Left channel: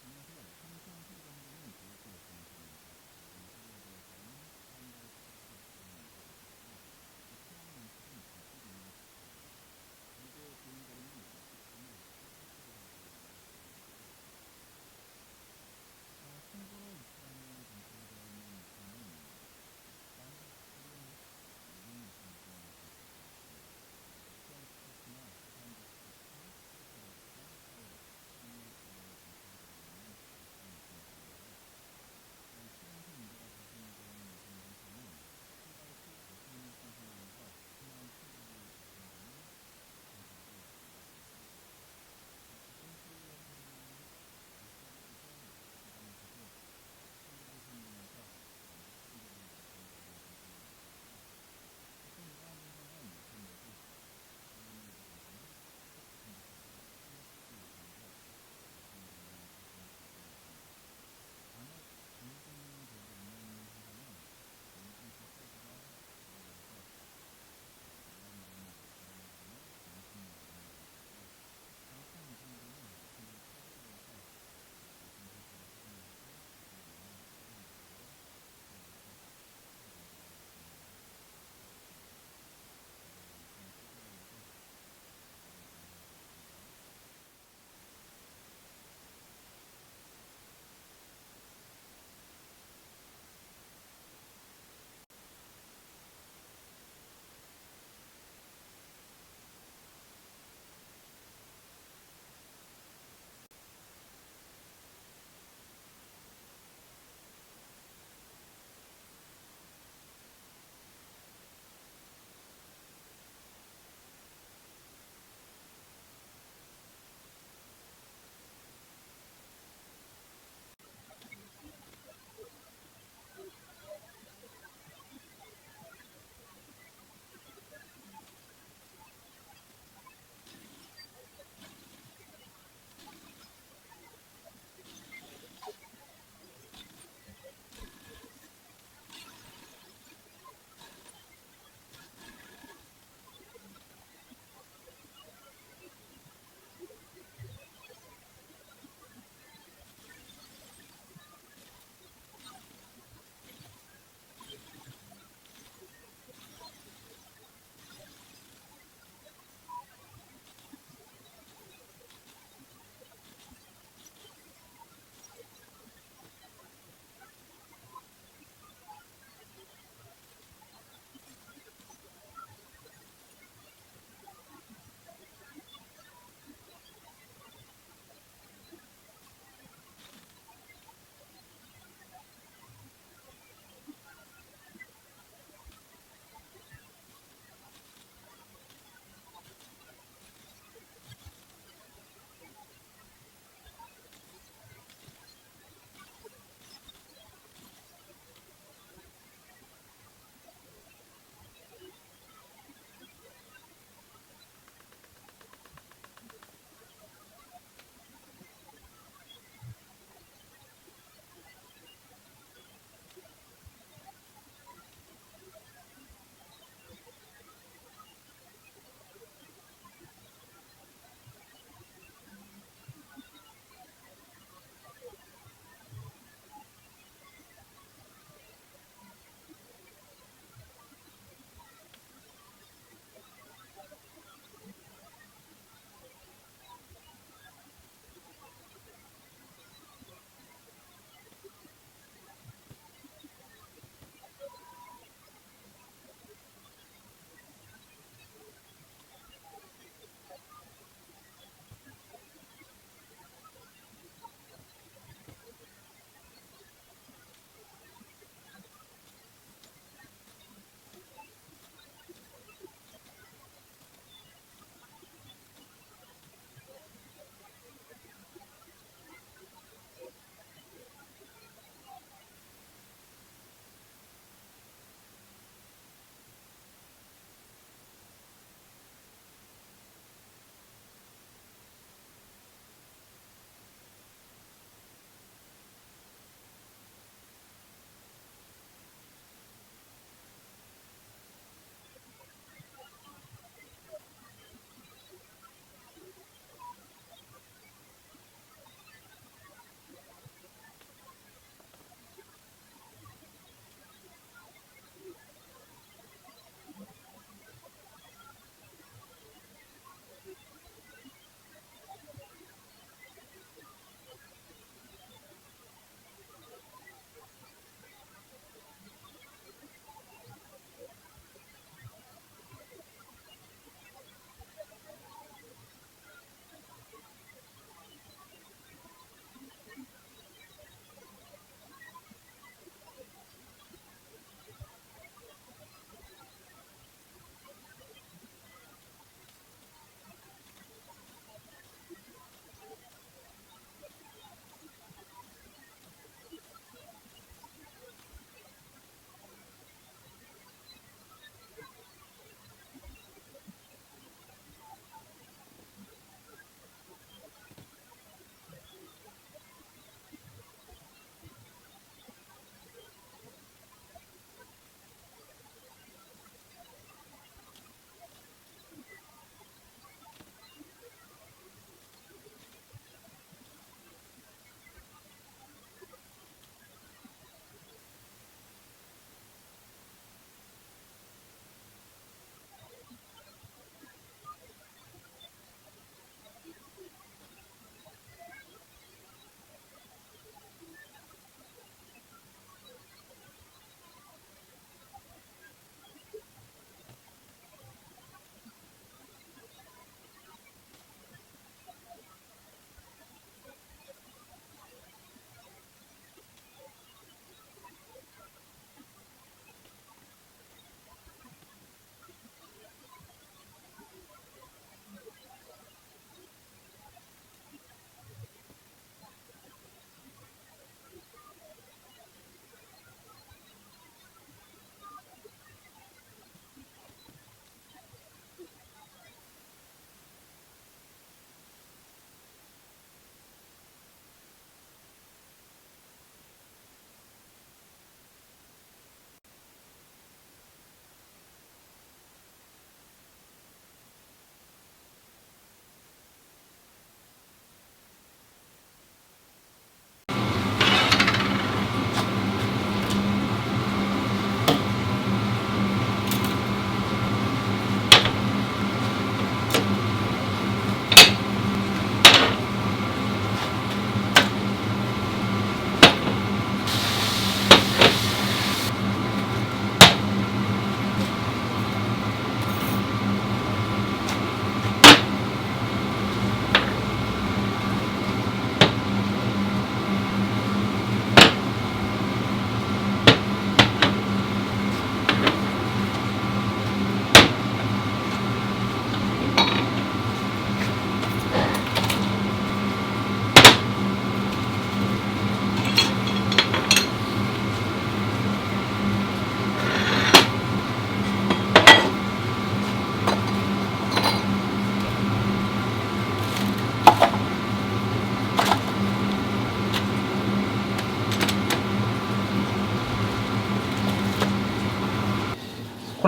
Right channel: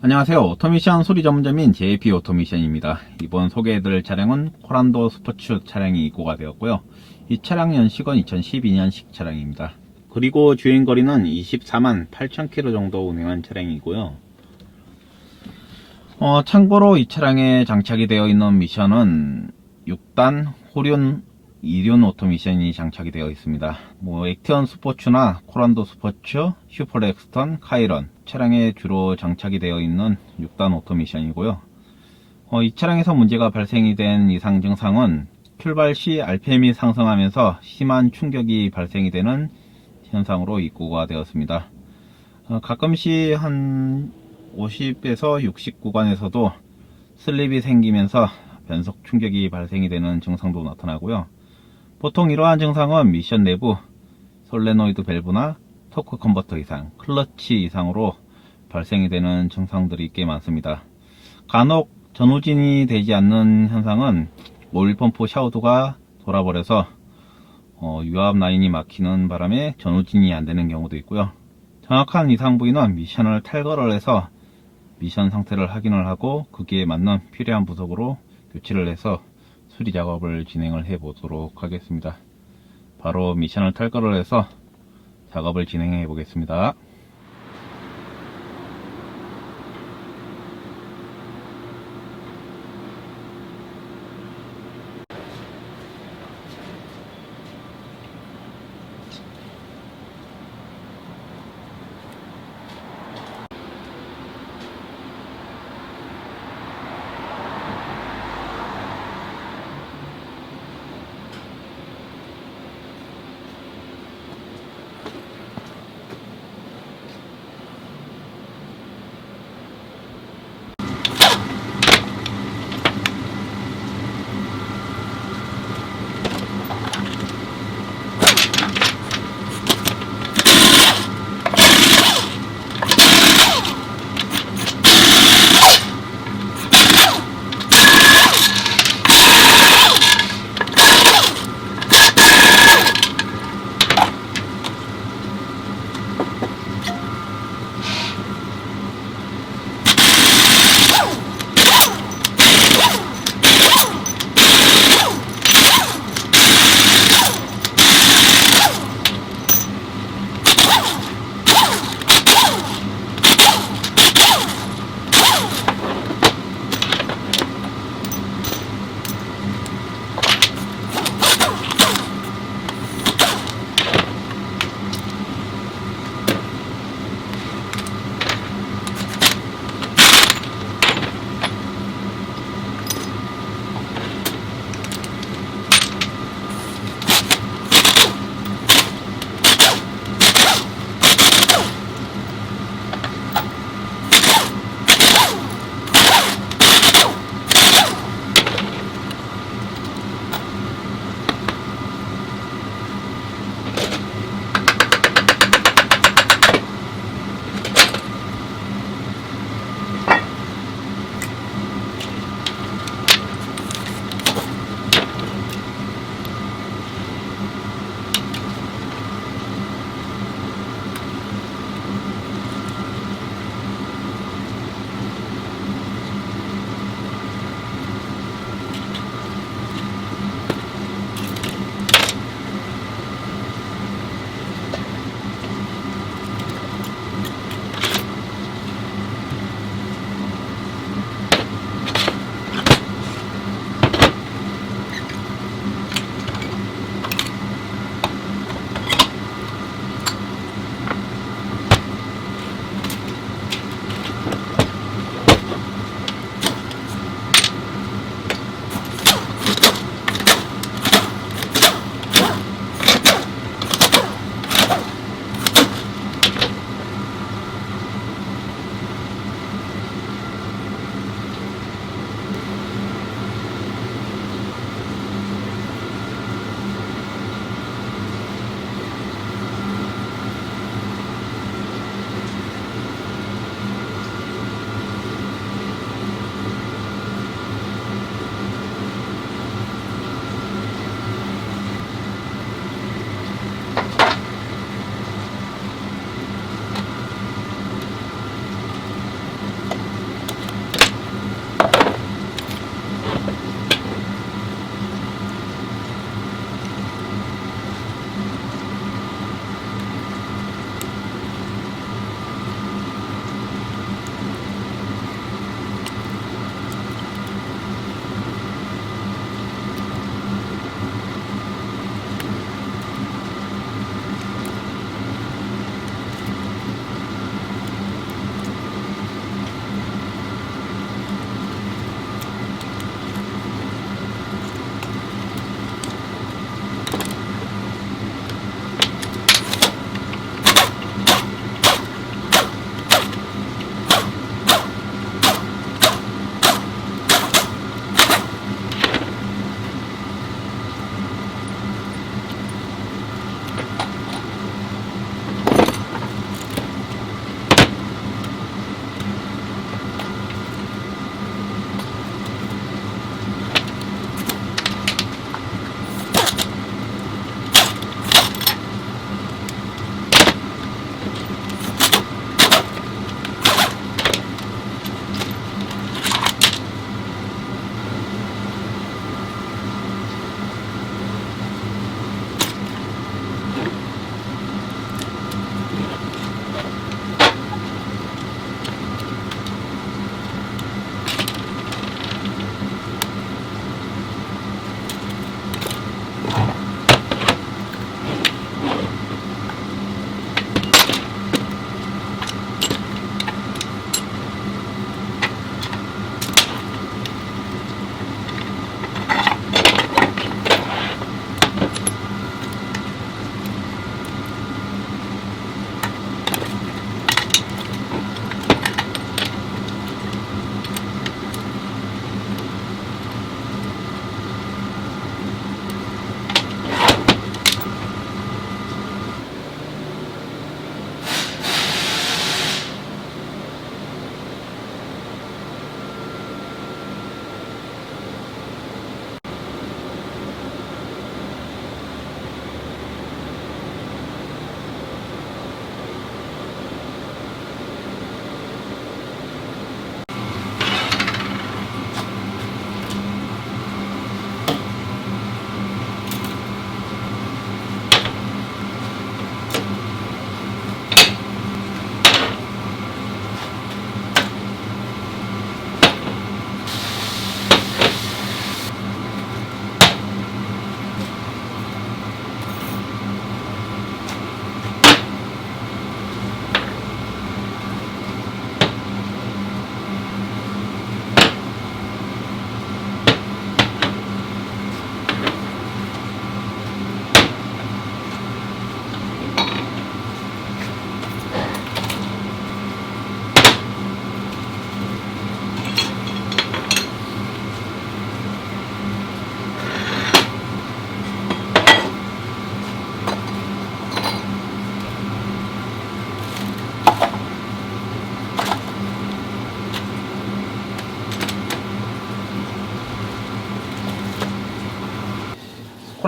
안녕하세요. 오토미션 소리 전문점인 JP 오토미션입니다. 이번 소개해드릴 차량은 코란도 스포츠 차량이 입고가 되었고요. 이 차량 연식은 2012년식 차량입니다. 그리고 주행거리는 24만 8천 킬로 정도 운행한 차량이고요. 어, 참고로 이 차량에 장착이 되어 있는 미션은 6단 호륜 2륜 오토미션이 장착이 되어 있습니다. 뭐 액티언 스포츠나 코란도 스포츠, 슈퍼렉스턴, 카이런 차량에 주로 장착이 되어 있는 6단 오토미션이고요. 어, 이 차량에서 문제가 발생이 된 이상 증상은 출발 시 RPM이 상승하면서 심한 충격이 발생이 되는 현상으로 입고가 되었습니다. 어, 가끔씩 한 50에서 60 구간에서도 슬립이 생기면서 변속 충격이 발생이 되는 증상도 나타나고요. 보통 이러한 증상은 미션 내부 솔레노이드 밸브나 토크 컨버터 이상, 클러치 이상으로 발생이 되는 증상들이 꽤 많습니다. 간혹 전후진이 되지 않는 현상은 오일 펌프 샤우드가 돌아버려서 어, 유압 라인이 막히는 바람에 전후진이 안 되는 경우도 있고요. 정확한 이상 부위는 미션을 탈거를 해서 미션 상태를 확인을 하고 거기에 맞는 필요한 부속으로 교체를 해서 수리 작업을 진행을 해 보도록 하겠습니다. 바로 미션을 탈거를 해서 작업을 진행해 보겠습니다.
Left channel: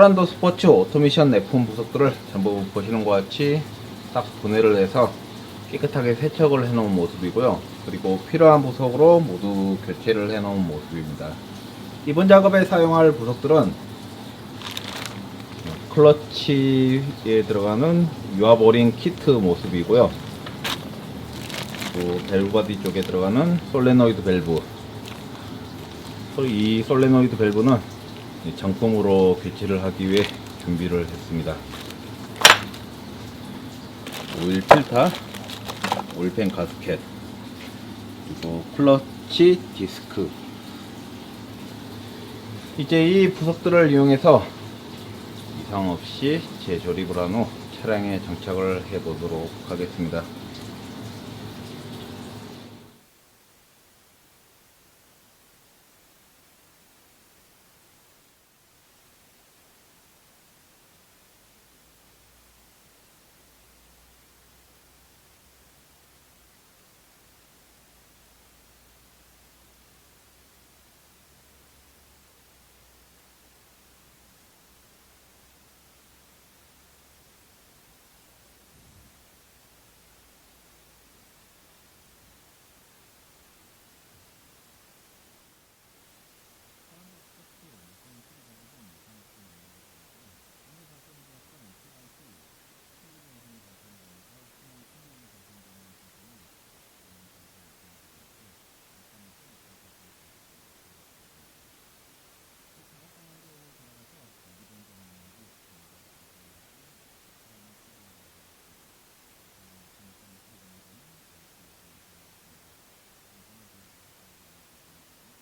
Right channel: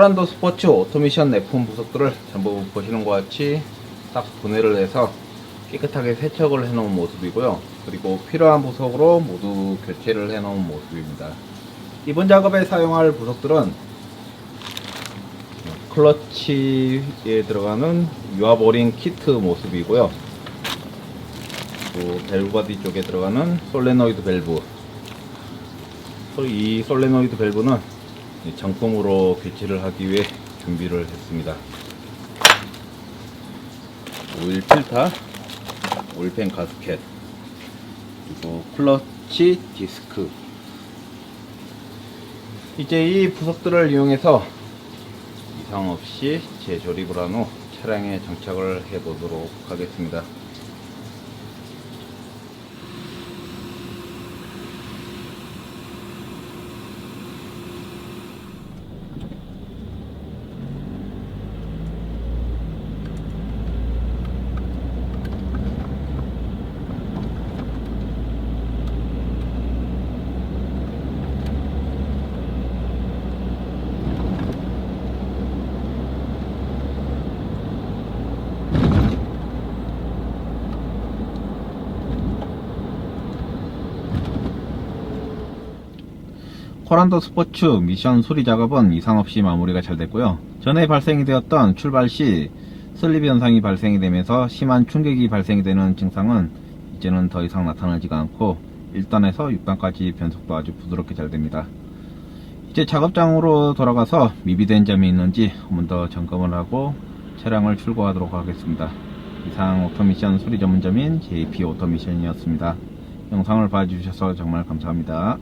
코란도 스포츠 오토미션 F1 부속들을 전부 보시는 것 같이 딱 분해를 해서 깨끗하게 세척을 해 놓은 모습이고요. 그리고 필요한 부속으로 모두 교체를 해 놓은 모습입니다. 이번 작업에 사용할 부속들은 클러치에 들어가는 유아보링 키트 모습이고요. 또 밸브 바디 쪽에 들어가는 솔레노이드 밸브. 이 솔레노이드 밸브는 정품으로 교체를 하기 위해 준비를 했습니다. 오일 필터, 오일팬 가스켓, 그리고 클러치 디스크. 이제 이 부속들을 이용해서 이상 없이 재조립을 한 후 차량에 장착을 해 보도록 하겠습니다. 코란도 스포츠 미션 수리 작업은 이상 없이 마무리가 잘 됐고요. 전에 발생이 되었던 출발 시 슬립 현상이 발생이 되면서 심한 충격이 발생이 되는 증상은 이제는 더 이상 나타나지가 않고 1단에서 6단까지 변속도 아주 부드럽게 잘 됩니다. 이제 작업장으로 돌아가서 미비된 점이 있는지 한번 더 점검을 하고 차량을 출고하도록 하겠습니다. 이상 오토미션 수리 전문점인 JP 오토미션이었습니다. 영상을 봐주셔서 정말 감사합니다.